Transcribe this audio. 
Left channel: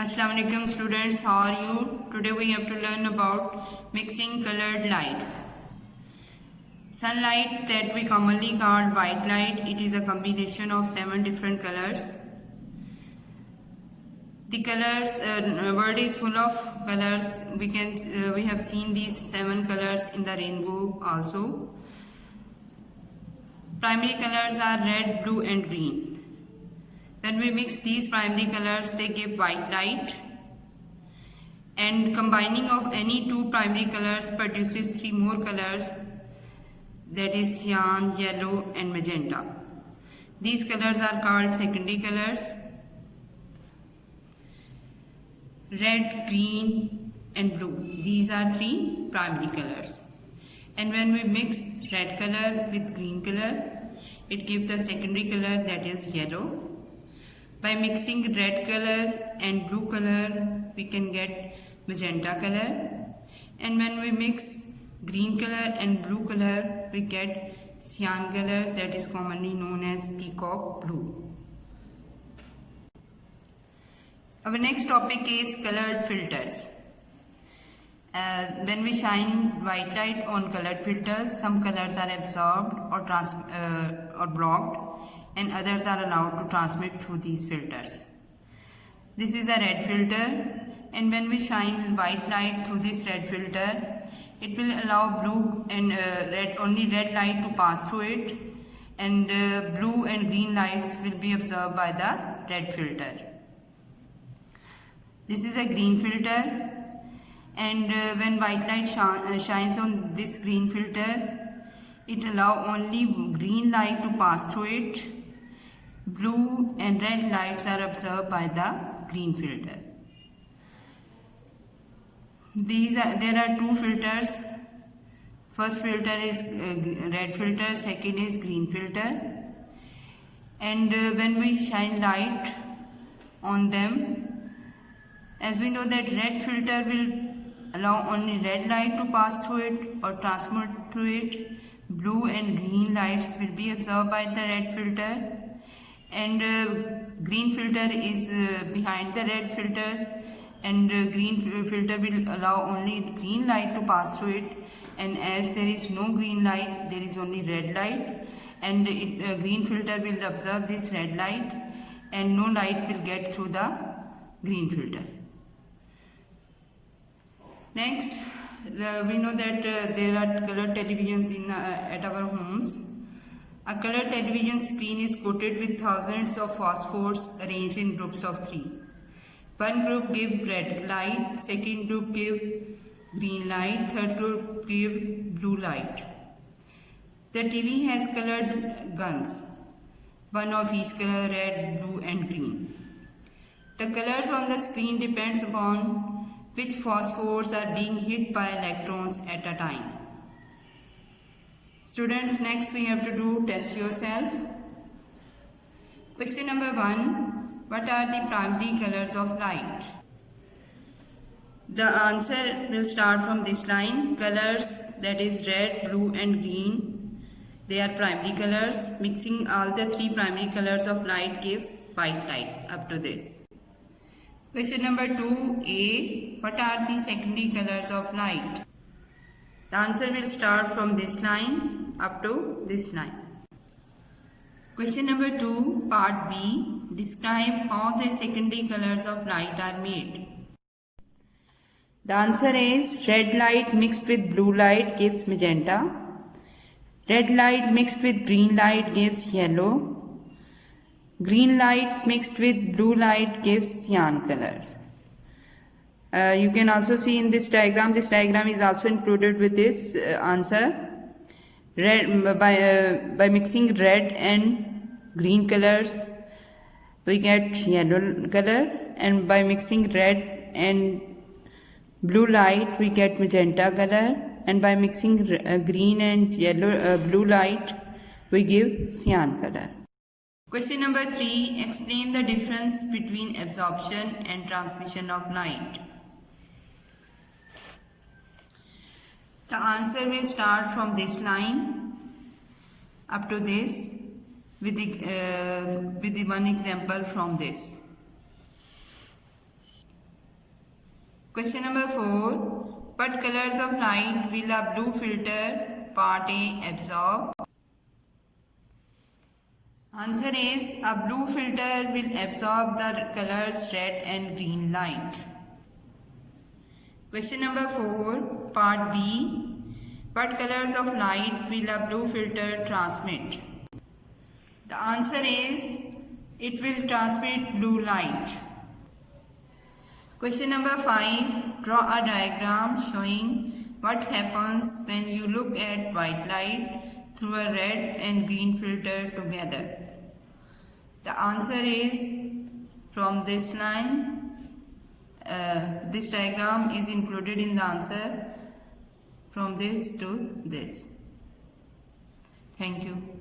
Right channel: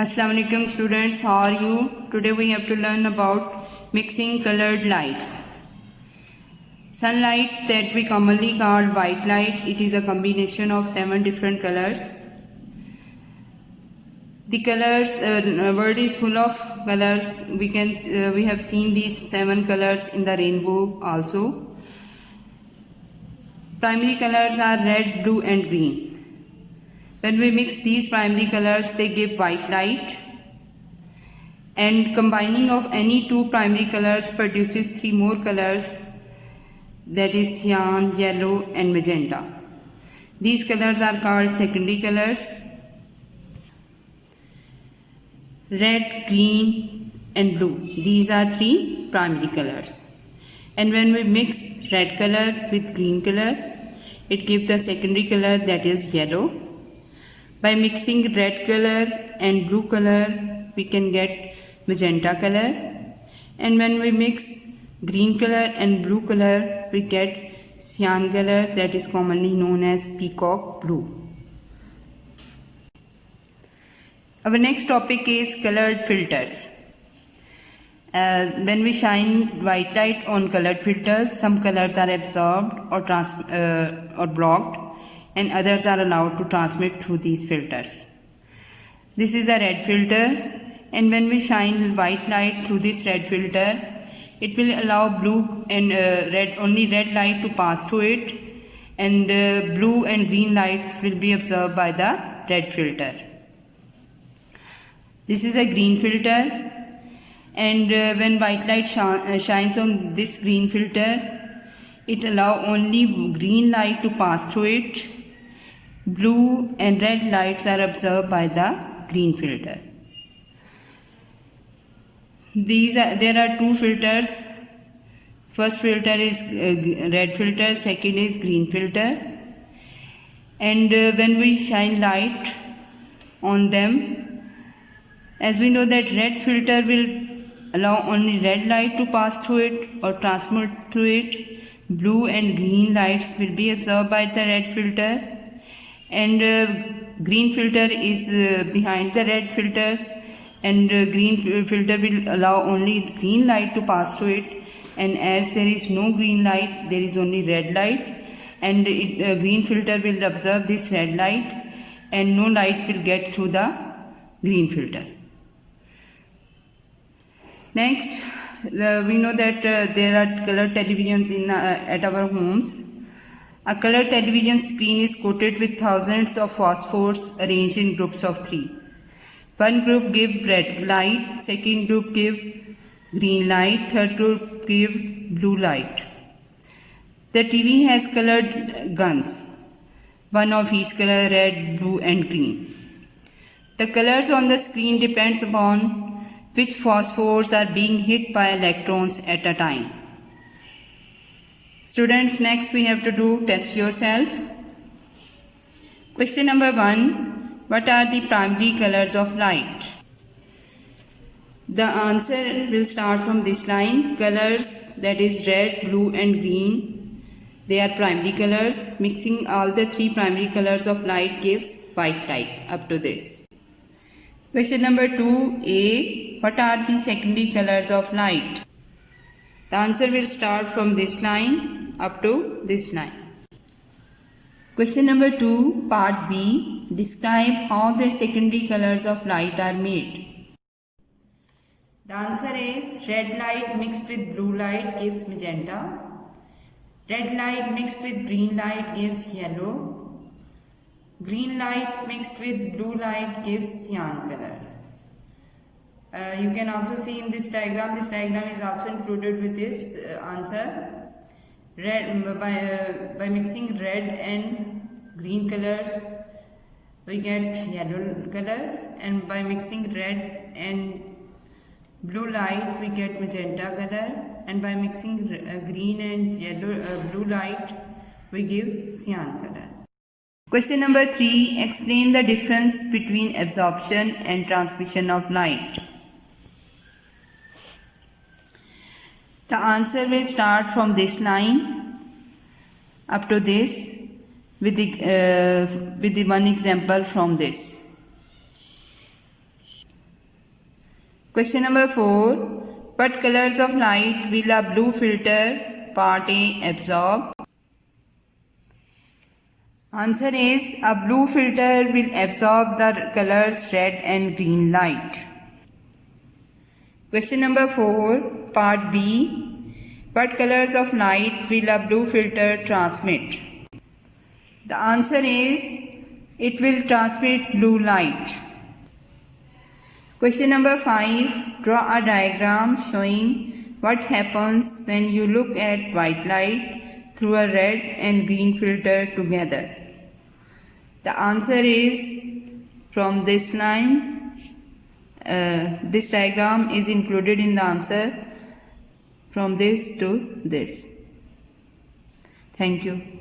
Assalamu alaikum students, how are you? Today we have to learn about mixing colored lights. Sunlight that we commonly call white light, it is a combination of 7 different colors. The colors, world is full of colors. We have seen these 7 colors in the rainbow also. Primary colors are red, blue and green. When we mix these primary colors, they give white light, and combining of any two primary colors produces 3 more colors, that is cyan, yellow and magenta. These colors are called secondary colors. Red, green and blue, these are 3 primary colors. And when we mix red color with green color, it gives the secondary color, that is yellow. By mixing red color and blue color, we can get magenta color. And when we mix green color and blue color, we get cyan color, that is commonly known as peacock blue. Our next topic is colored filters. When we shine white light on colored filters, some colors are absorbed or blocked, and others are allowed to transmit through these filters. This is a red filter, and when we shine white light through this red filter, it will allow blue and only red light to pass through it, and blue and green lights will be absorbed by the red filter. This is a green filter, and when white light shines on this green filter, it allows only green light to pass through it. Blue and red lights are absorbed by the green filter. There are 2 filters. First filter is red filter, second is green filter. And when we shine light on them, as we know that red filter will allow only red light to pass through it or transmit through it. Blue and green lights will be absorbed by the red filter. And green filter is behind the red filter, and green filter will allow only green light to pass through it, and as there is no green light, there is only red light, and green filter will absorb this red light, and no light will get through the green filter. Next, we know that there are color televisions at our homes. A color television screen is coated with thousands of phosphors arranged in groups of 3. One group gives red light, second group gives green light, third group gives blue light. The TV has colored guns, one of each color, red, blue and green. The colors on the screen depends upon which phosphors are being hit by electrons at a time. Students, next we have to do test yourself. Question number 1. What are the primary colors of light? The answer will start from this line. Colors, that is red, blue and green, they are primary colors. Mixing all the 3 primary colors of light gives white light, up to this. Question number 2a. What are the secondary colors of light? The answer will start from this line up to this line. Question number 2, part B. Describe how the secondary colors of light are made. The answer is red light mixed with blue light gives magenta. Red light mixed with green light gives yellow. Green light mixed with blue light gives cyan colors. You can also see in this diagram is also included with this answer. By mixing red and green colors, we get yellow color, and by mixing red and blue light, we get magenta color, and by mixing green and yellow blue light, we give cyan color. Question number 3. Explain the difference between absorption and transmission of light. The answer will start from this line up to this with the one example from this. Question number 4. What colors of light will a blue filter part A absorb? Answer is a blue filter will absorb the colors red and green light. Question number 4, part B. What colors of light will a blue filter transmit? The answer is it will transmit blue light. Question number 5. Draw a diagram showing what happens when you look at white light through a red and green filter together. The answer is from this line. This diagram is included in the answer from this to this. Thank you.